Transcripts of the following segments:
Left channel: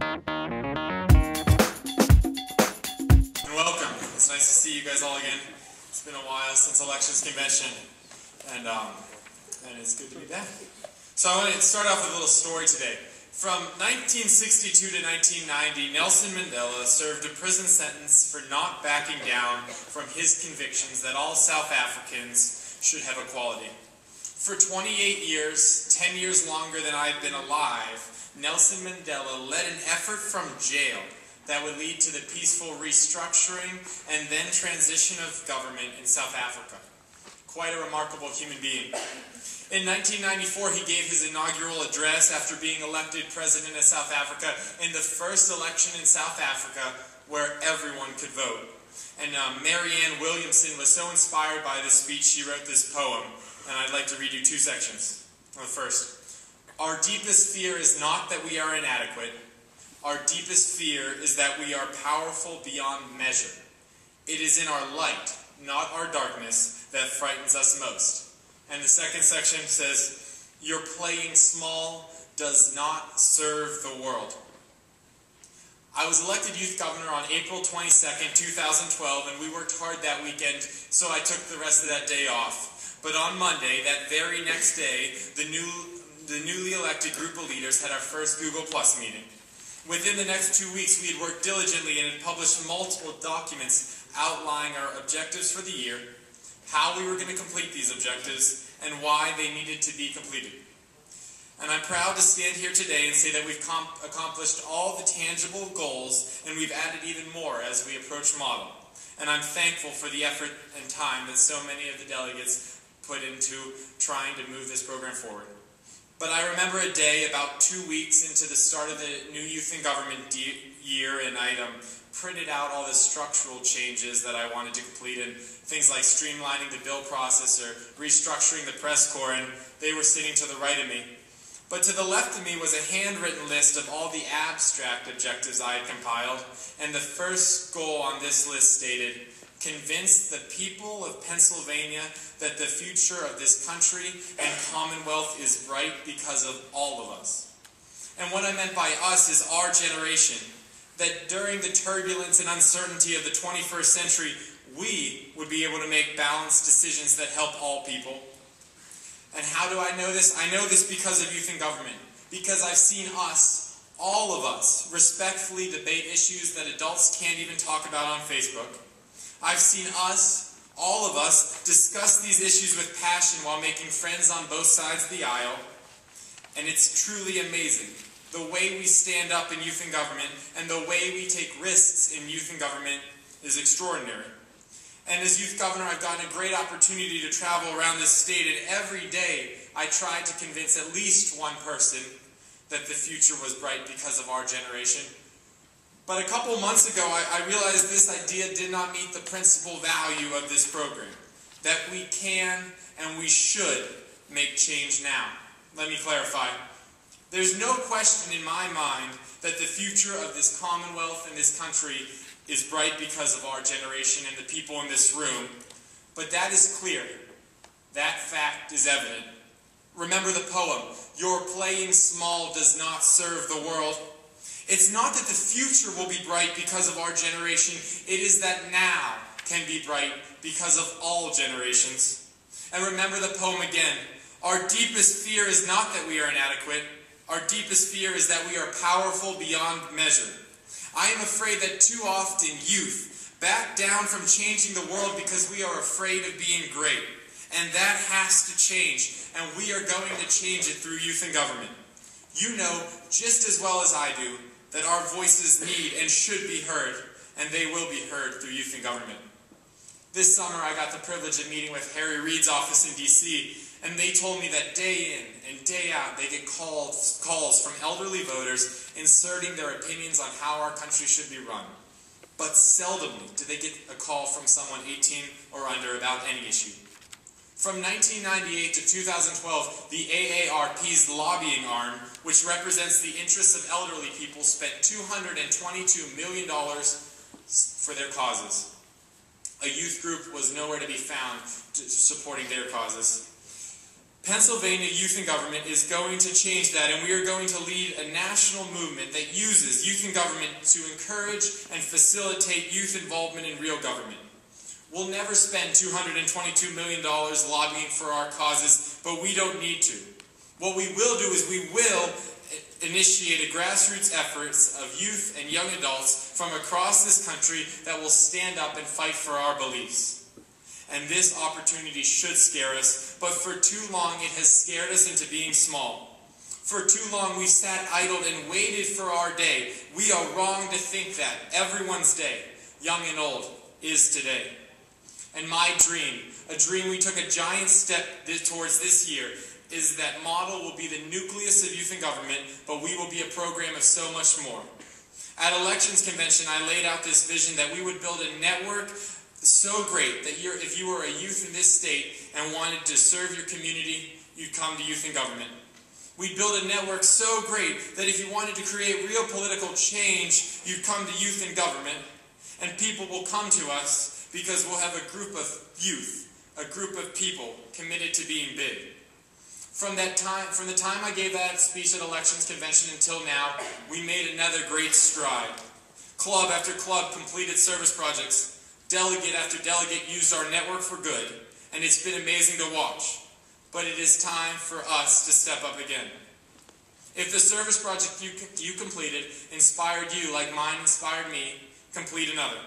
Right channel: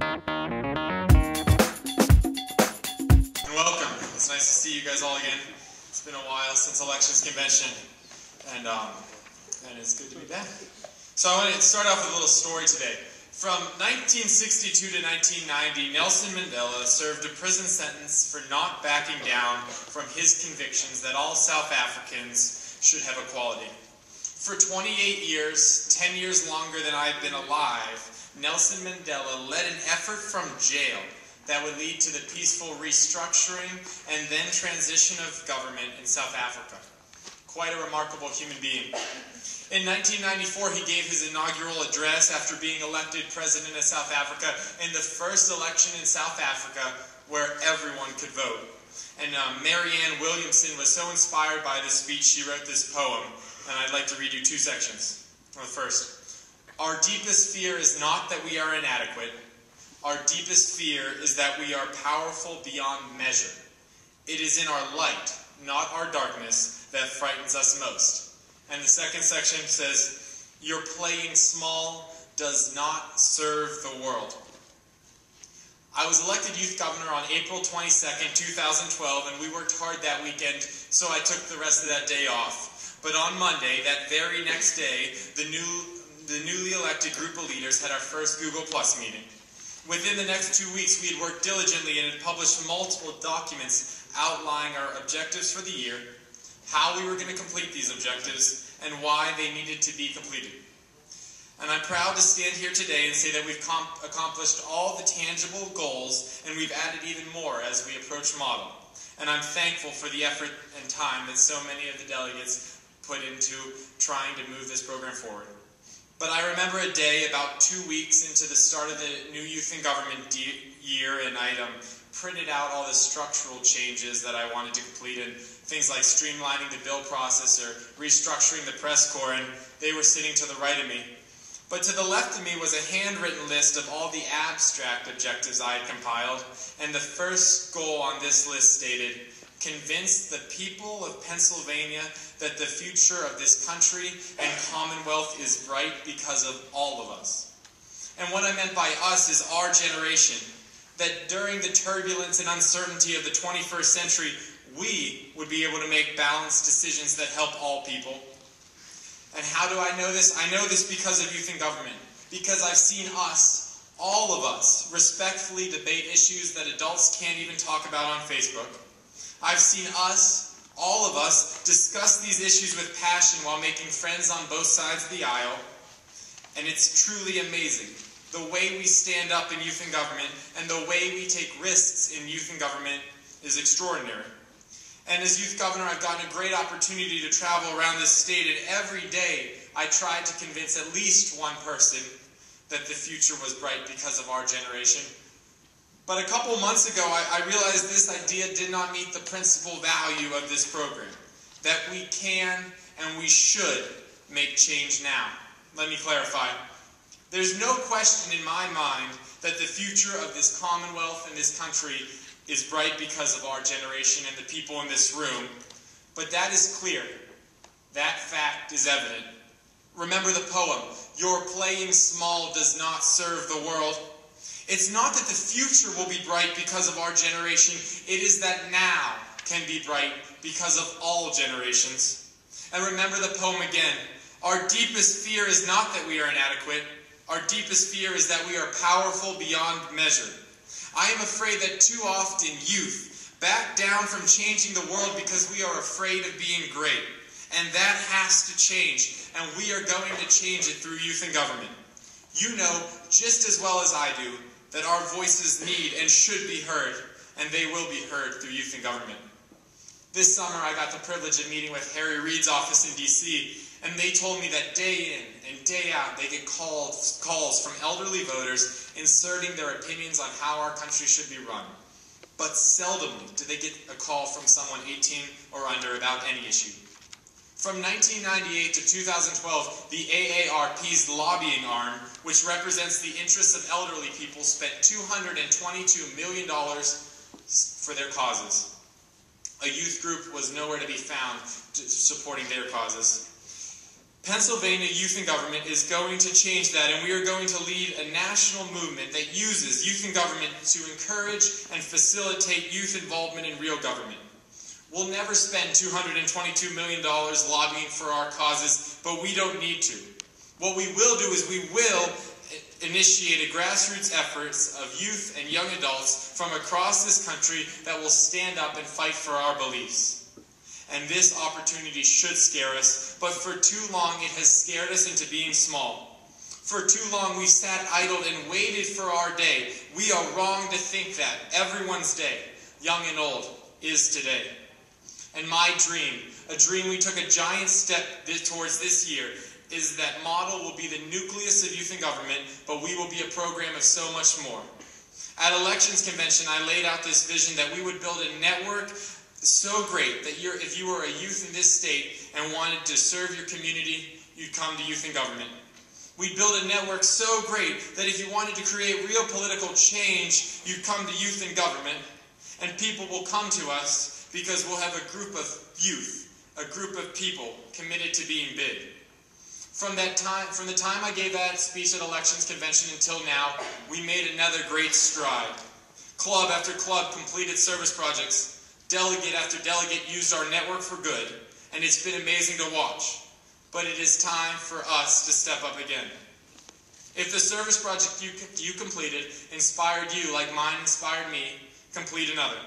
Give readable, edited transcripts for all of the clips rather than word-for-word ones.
And welcome. It's nice to see you guys all again. It's been a while since Elections Convention, and it's good to be back. So I want to start off with a little story today. From 1962 to 1990, Nelson Mandela served a prison sentence for not backing down from his convictions that all South Africans should have equality. For 28 years, 10 years longer than I've been alive, Nelson Mandela led an effort from jail that would lead to the peaceful restructuring and then transition of government in South Africa. Quite a remarkable human being. In 1994, he gave his inaugural address after being elected president of South Africa in the first election in South Africa where everyone could vote. And Marianne Williamson was so inspired by this speech, she wrote this poem, and I'd like to read you two sections. The first, our deepest fear is not that we are inadequate. Our deepest fear is that we are powerful beyond measure. It is in our light, not our darkness, that frightens us most. And the second section says, your playing small does not serve the world. I was elected youth governor on April 22nd, 2012, and we worked hard that weekend, so I took the rest of that day off. But on Monday, that very next day, the newly elected group of leaders had our first Google Plus meeting. Within the next 2 weeks, we had worked diligently and had published multiple documents outlining our objectives for the year, how we were going to complete these objectives, and why they needed to be completed. And I'm proud to stand here today and say that we've accomplished all the tangible goals, and we've added even more as we approach model. And I'm thankful for the effort and time that so many of the delegates put into trying to move this program forward. But I remember a day about 2 weeks into the start of the new youth in government year, and I'd printed out all the structural changes that I wanted to complete, and things like streamlining the bill process or restructuring the press corps, and they were sitting to the right of me. But to the left of me was a handwritten list of all the abstract objectives I had compiled, and the first goal on this list stated, convince the people of Pennsylvania that the future of this country and Commonwealth is bright because of all of us. And what I meant by us is our generation, that during the turbulence and uncertainty of the 21st century, we would be able to make balanced decisions that help all people. And how do I know this? I know this because of youth in government. Because I've seen us, all of us, respectfully debate issues that adults can't even talk about on Facebook. I've seen us, all of us, discuss these issues with passion while making friends on both sides of the aisle. And it's truly amazing. The way we stand up in youth in government and the way we take risks in youth in government is extraordinary. And as youth governor, I've gotten a great opportunity to travel around this state, and every day I tried to convince at least one person that the future was bright because of our generation. But a couple months ago, I realized this idea did not meet the principal value of this program, that we can and we should make change now. Let me clarify. There's no question in my mind that the future of this Commonwealth and this country is bright because of our generation and the people in this room. But that is clear. That fact is evident. Remember the poem, your playing small does not serve the world. It's not that the future will be bright because of our generation. It is that now can be bright because of all generations. And remember the poem again. Our deepest fear is not that we are inadequate. Our deepest fear is that we are powerful beyond measure. I am afraid that too often youth back down from changing the world because we are afraid of being great. And that has to change. And we are going to change it through youth in government. You know just as well as I do that our voices need and should be heard, and they will be heard through youth in government. This summer I got the privilege of meeting with Harry Reid's office in D.C., and they told me that day in and day out they get calls from elderly voters inserting their opinions on how our country should be run. But seldomly do they get a call from someone 18 or under about any issue. From 1998 to 2012, the AARP's lobbying arm, which represents the interests of elderly people, spent $222 million for their causes. A youth group was nowhere to be found supporting their causes. Pennsylvania Youth in Government is going to change that, and we are going to lead a national movement that uses youth in government to encourage and facilitate youth involvement in real government. We'll never spend $222 million lobbying for our causes, but we don't need to. What we will do is we will initiate a grassroots efforts of youth and young adults from across this country that will stand up and fight for our beliefs. And this opportunity should scare us, but for too long it has scared us into being small. For too long we've sat idled and waited for our day. We are wrong to think that everyone's day, young and old, is today. And my dream, a dream we took a giant step towards this year, is that model will be the nucleus of youth in government, but we will be a program of so much more. At Elections Convention, I laid out this vision that we would build a network so great that if you were a youth in this state and wanted to serve your community, you'd come to Youth in Government. We'd build a network so great that if you wanted to create real political change, you'd come to Youth in Government. And people will come to us because we'll have a group of youth, a group of people committed to being big. From the time I gave that speech at Elections Convention until now, we made another great stride. Club after club completed service projects. Delegate after delegate used our network for good, and it's been amazing to watch. But it is time for us to step up again. If the service project you completed inspired you like mine inspired me, complete another.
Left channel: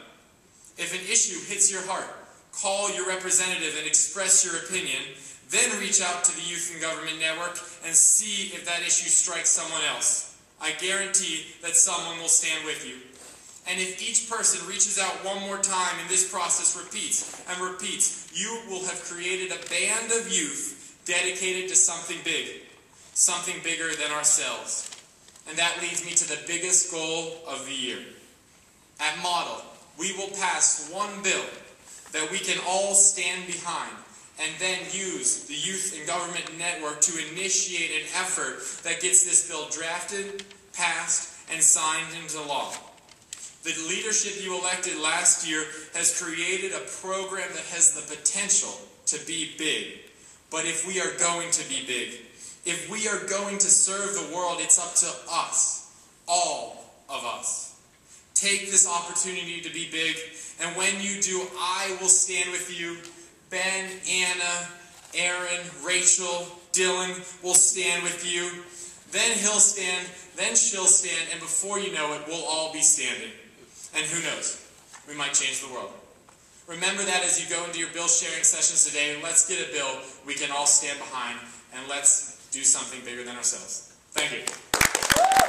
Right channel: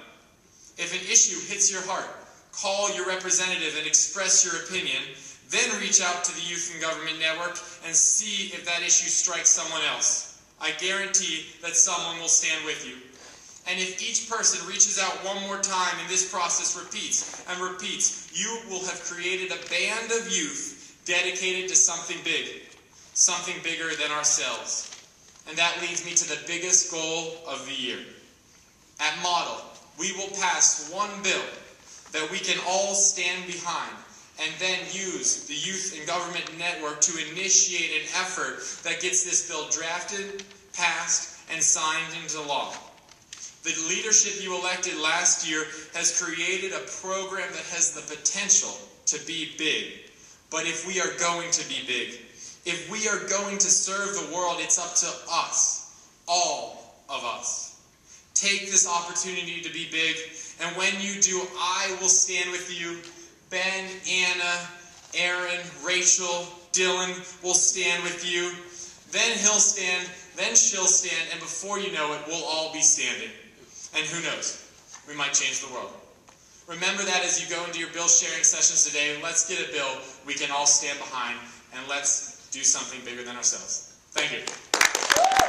If an issue hits your heart, call your representative and express your opinion, then reach out to the Youth in Government Network and see if that issue strikes someone else. I guarantee that someone will stand with you. And if each person reaches out one more time and this process repeats and repeats, you will have created a band of youth dedicated to something bigger than ourselves. And that leads me to the biggest goal of the year. At Model, we will pass one bill that we can all stand behind and then use the Youth in Government Network to initiate an effort that gets this bill drafted, passed, and signed into law. The leadership you elected last year has created a program that has the potential to be big. But if we are going to be big, if we are going to serve the world, it's up to us, all of us. Take this opportunity to be big, and when you do, I will stand with you. Ben, Anna, Aaron, Rachel, Dylan will stand with you. Then he'll stand, then she'll stand, and before you know it, we'll all be standing. And who knows, we might change the world. Remember that as you go into your bill sharing sessions today. Let's get a bill we can all stand behind, and let's do something bigger than ourselves. Thank you.